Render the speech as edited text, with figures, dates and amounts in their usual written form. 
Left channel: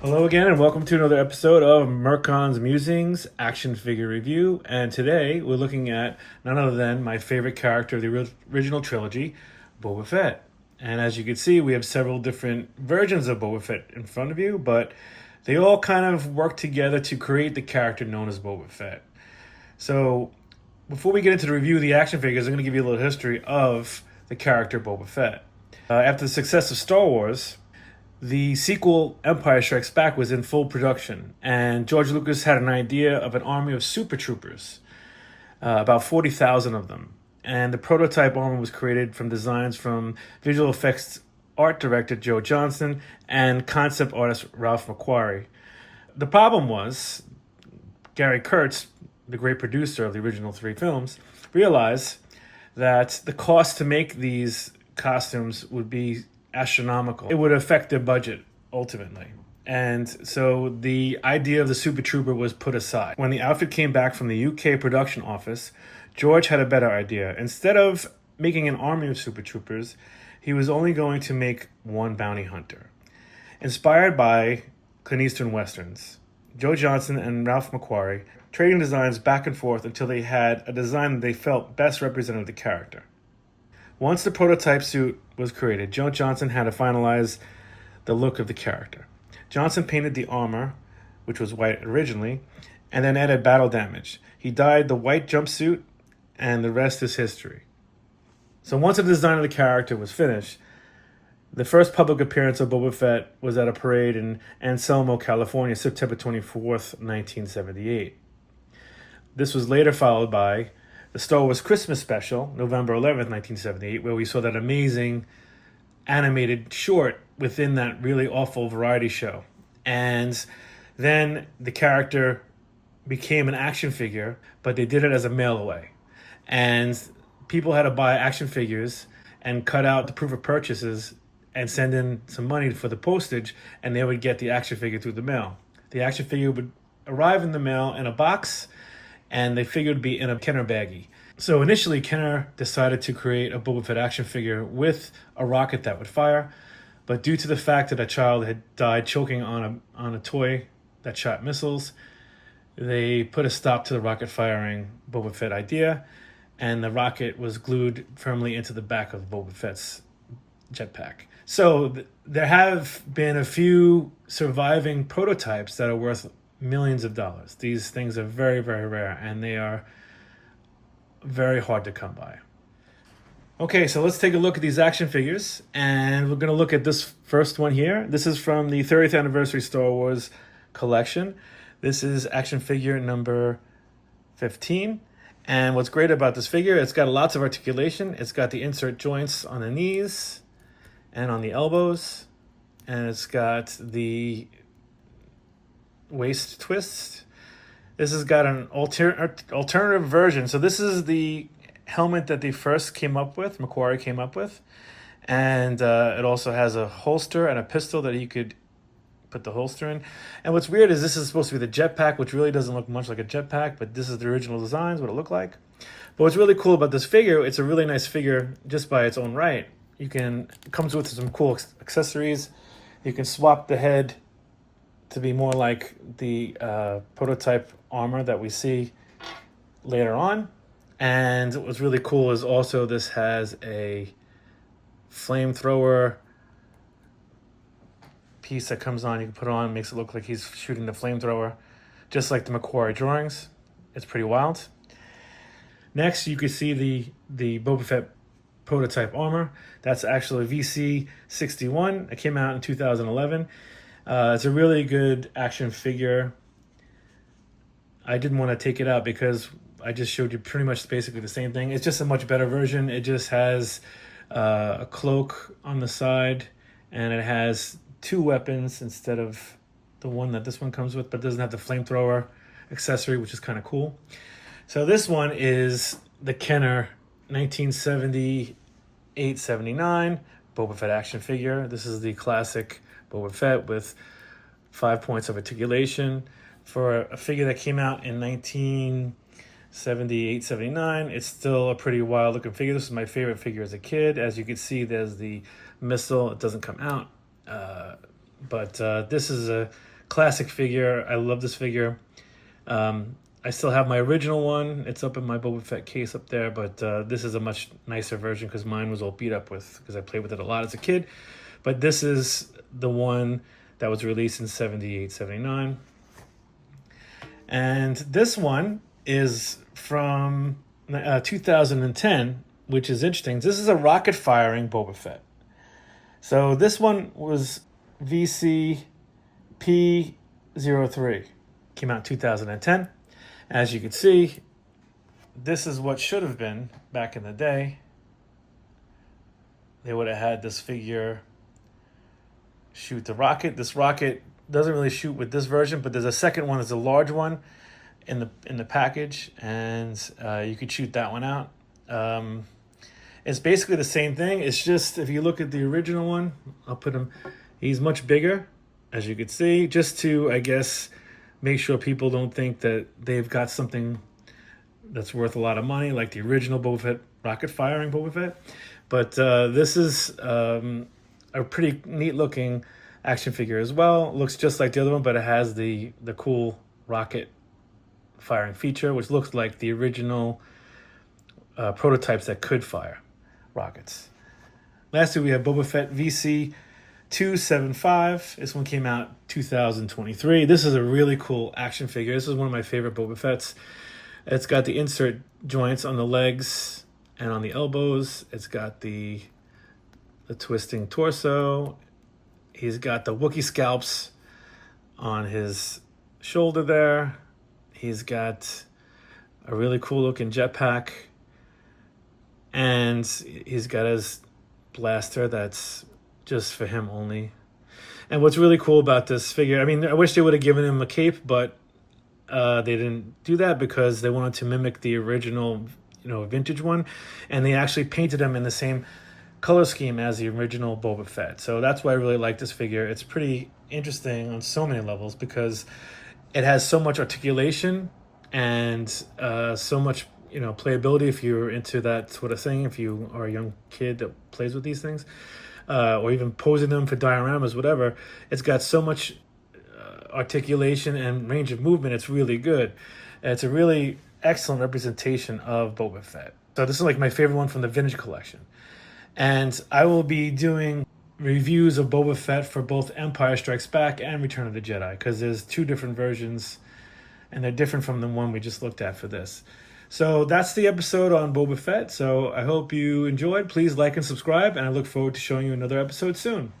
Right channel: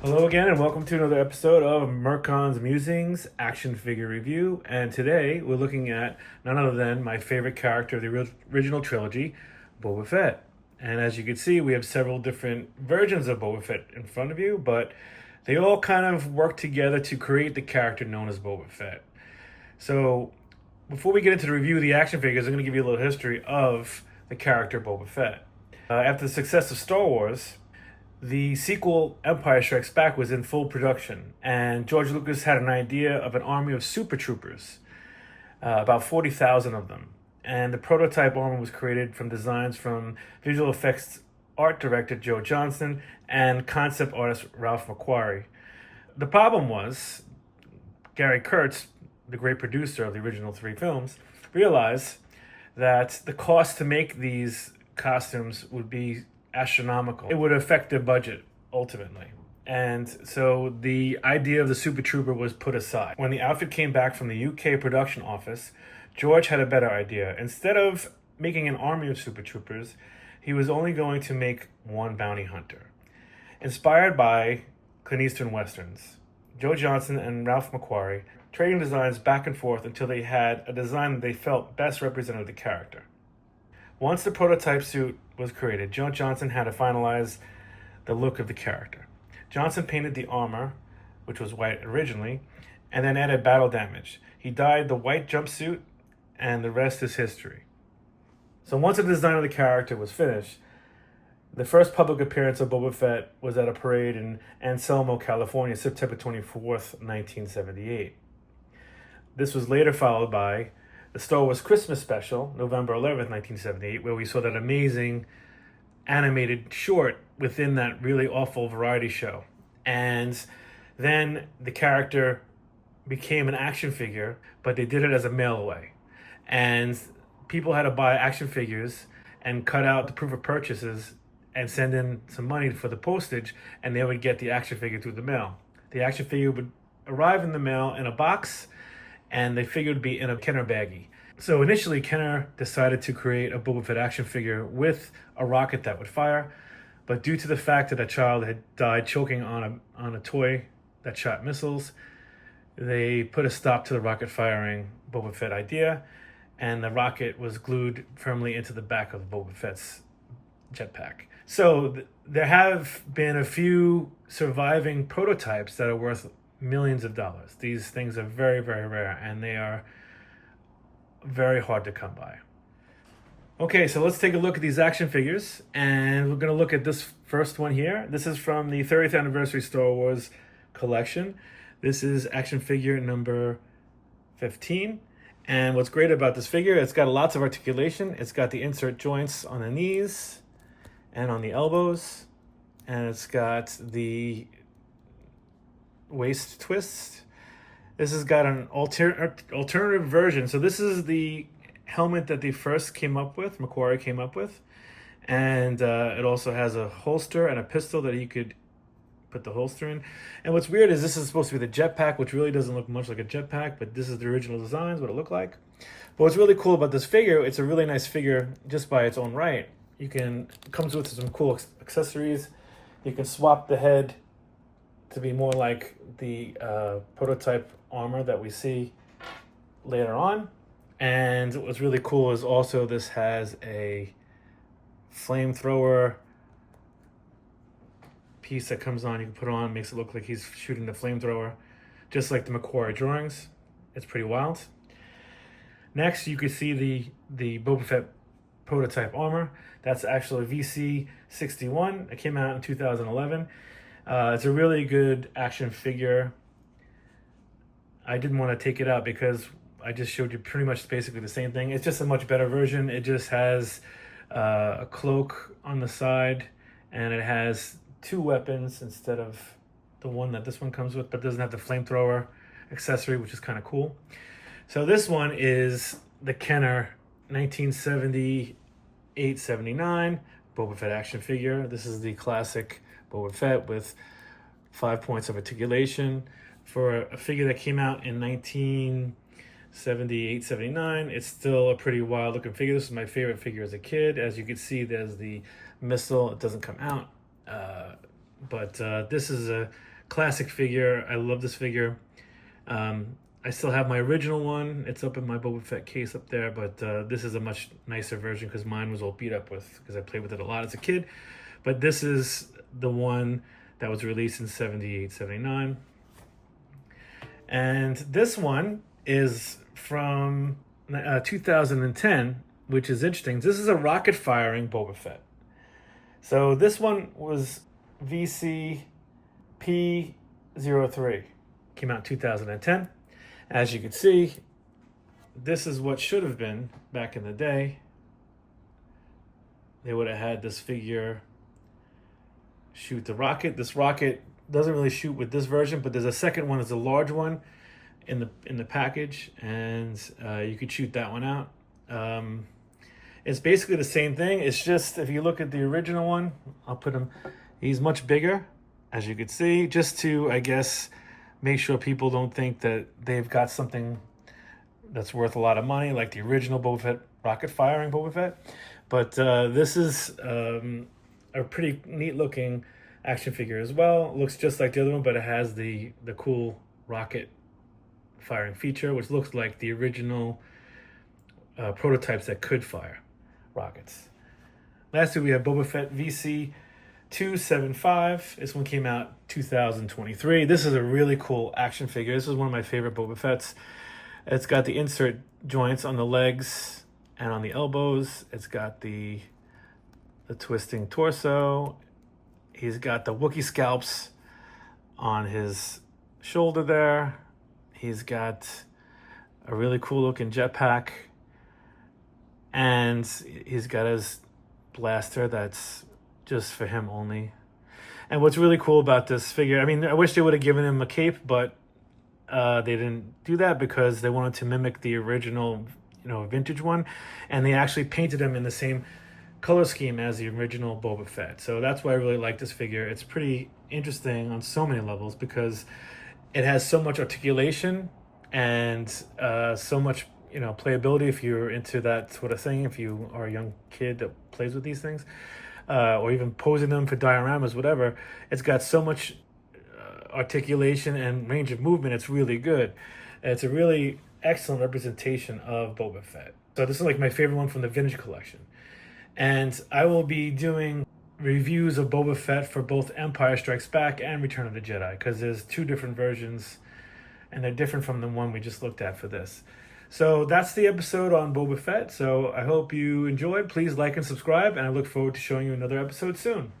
Hello again, and welcome to another episode of Merkon's Musings action figure review. And today we're looking at none other than my favorite character of the original trilogy, Boba Fett. And as you can see, we have several different versions of Boba Fett in front of you, but they all kind of work together to create the character known as Boba Fett. So before we get into the review of the action figures, I'm going to give you a little history of the character Boba Fett. After the success of Star Wars, the sequel, Empire Strikes Back, was in full production, and George Lucas had an idea of an army of super troopers, about 40,000 of them. And the prototype armor was created from designs from visual effects art director Joe Johnston and concept artist Ralph McQuarrie. The problem was, Gary Kurtz, the great producer of the original three films, realized that the cost to make these costumes would be astronomical. It would affect their budget ultimately. And so the idea of the Super Trooper was put aside. When the outfit came back from the UK production office, George had a better idea. Instead of making an army of Super Troopers, he was only going to make one bounty hunter. Inspired by Clint Eastwood westerns, Joe Johnston and Ralph McQuarrie trading designs back and forth until they had a design that they felt best represented the character. Once the prototype suit was created, Joe Johnston had to finalize the look of the character. Johnston painted the armor, which was white originally, and then added battle damage. He dyed the white jumpsuit, and the rest is history. So once the design of the character was finished, the first public appearance of Boba Fett was at a parade in Anselmo, California, September 24th, 1978. This was later followed by the Star Wars Christmas special, November 11th, 1978, where we saw that amazing animated short within that really awful variety show. And then the character became an action figure, but they did it as a mail away. And people had to buy action figures and cut out the proof of purchases and send in some money for the postage, and they would get the action figure through the mail. The action figure would arrive in the mail in a box, and the figure would be in a Kenner baggie. So initially, Kenner decided to create a Boba Fett action figure with a rocket that would fire, but due to the fact that a child had died choking on a toy that shot missiles, they put a stop to the rocket firing Boba Fett idea, and the rocket was glued firmly into the back of Boba Fett's jetpack. So there have been a few surviving prototypes that are worth millions of dollars. These things are very, very rare, and they are very hard to come by. Okay, so let's take a look at these action figures, and we're going to look at this first one here. This is from the 30th anniversary Star Wars collection. This is action figure number 15. And what's great about this figure, it's got lots of articulation. It's got the insert joints on the knees and on the elbows, and it's got the waist twist. This has got an alternative version. So this is the helmet that they first came up with, McQuarrie came up with. And it also has a holster and a pistol that you could put the holster in. And what's weird is this is supposed to be the jetpack, which really doesn't look much like a jetpack, but this is the original designs, what it looked like. But what's really cool about this figure, it's a really nice figure just by its own right. It comes with some cool accessories. You can swap the head to be more like the prototype armor that we see later on. And what's really cool is also this has a flamethrower piece that comes on. You can put it on, makes it look like he's shooting the flamethrower, just like the McQuarrie drawings. It's pretty wild. Next, you can see the Boba Fett prototype armor. That's actually VC61. It came out in 2011. It's a really good action figure. I didn't want to take it out because I just showed you pretty much basically the same thing. It's just a much better version. It just has a cloak on the side, and it has 2 weapons instead of the one that this one comes with, but it doesn't have the flamethrower accessory, which is kind of cool. So this one is the Kenner 1978-79 Boba Fett action figure. This is the classic Boba Fett with 5 points of articulation. For a figure that came out in 1978-79, it's still a pretty wild looking figure. This is my favorite figure as a kid. As you can see, there's the missile. It doesn't come out. But this is a classic figure. I love this figure. I still have my original one. It's up in my Boba Fett case up there, but this is a much nicer version because mine was all beat up because I played with it a lot as a kid. But this is the one that was released in 78-79. And this one is from 2010, which is interesting. This is a rocket firing Boba Fett. So this one was VCP03. Came out in 2010. As you can see, this is what should have been back in the day. They would have had this figure shoot the rocket. This rocket doesn't really shoot with this version, but there's a second one. There's a large one in the package, and you could shoot that one out. It's basically the same thing. It's just, if you look at the original one, I'll put him, he's much bigger, as you can see, just to, I guess, make sure people don't think that they've got something that's worth a lot of money, like the original Boba Fett, rocket firing Boba Fett. But this is a pretty neat looking action figure as well. Looks just like the other one, but it has the cool rocket firing feature, which looks like the original prototypes that could fire rockets. Lastly, we have Boba Fett VC 275. This one came out 2023. This is a really cool action figure. This is one of my favorite Boba Fett's. It's got the insert joints on the legs and on the elbows. It's got the twisting torso. He's got the Wookiee scalps on his shoulder there. He's got a really cool looking jetpack. And he's got his blaster that's just for him only. And what's really cool about this figure, I mean, I wish they would have given him a cape, but they didn't do that because they wanted to mimic the original, vintage one. And they actually painted him in the same color scheme as the original Boba Fett. So that's why I really like this figure. It's pretty interesting on so many levels because it has so much articulation and so much, playability if you're into that sort of thing, if you are a young kid that plays with these things, or even posing them for dioramas, whatever. It's got so much articulation and range of movement. It's really good. It's a really excellent representation of Boba Fett. So this is like my favorite one from the vintage collection. And I will be doing reviews of Boba Fett for both Empire Strikes Back and Return of the Jedi, because there's 2 different versions and they're different from the one we just looked at for this. So that's the episode on Boba Fett. So I hope you enjoyed. Please like and subscribe, and I look forward to showing you another episode soon.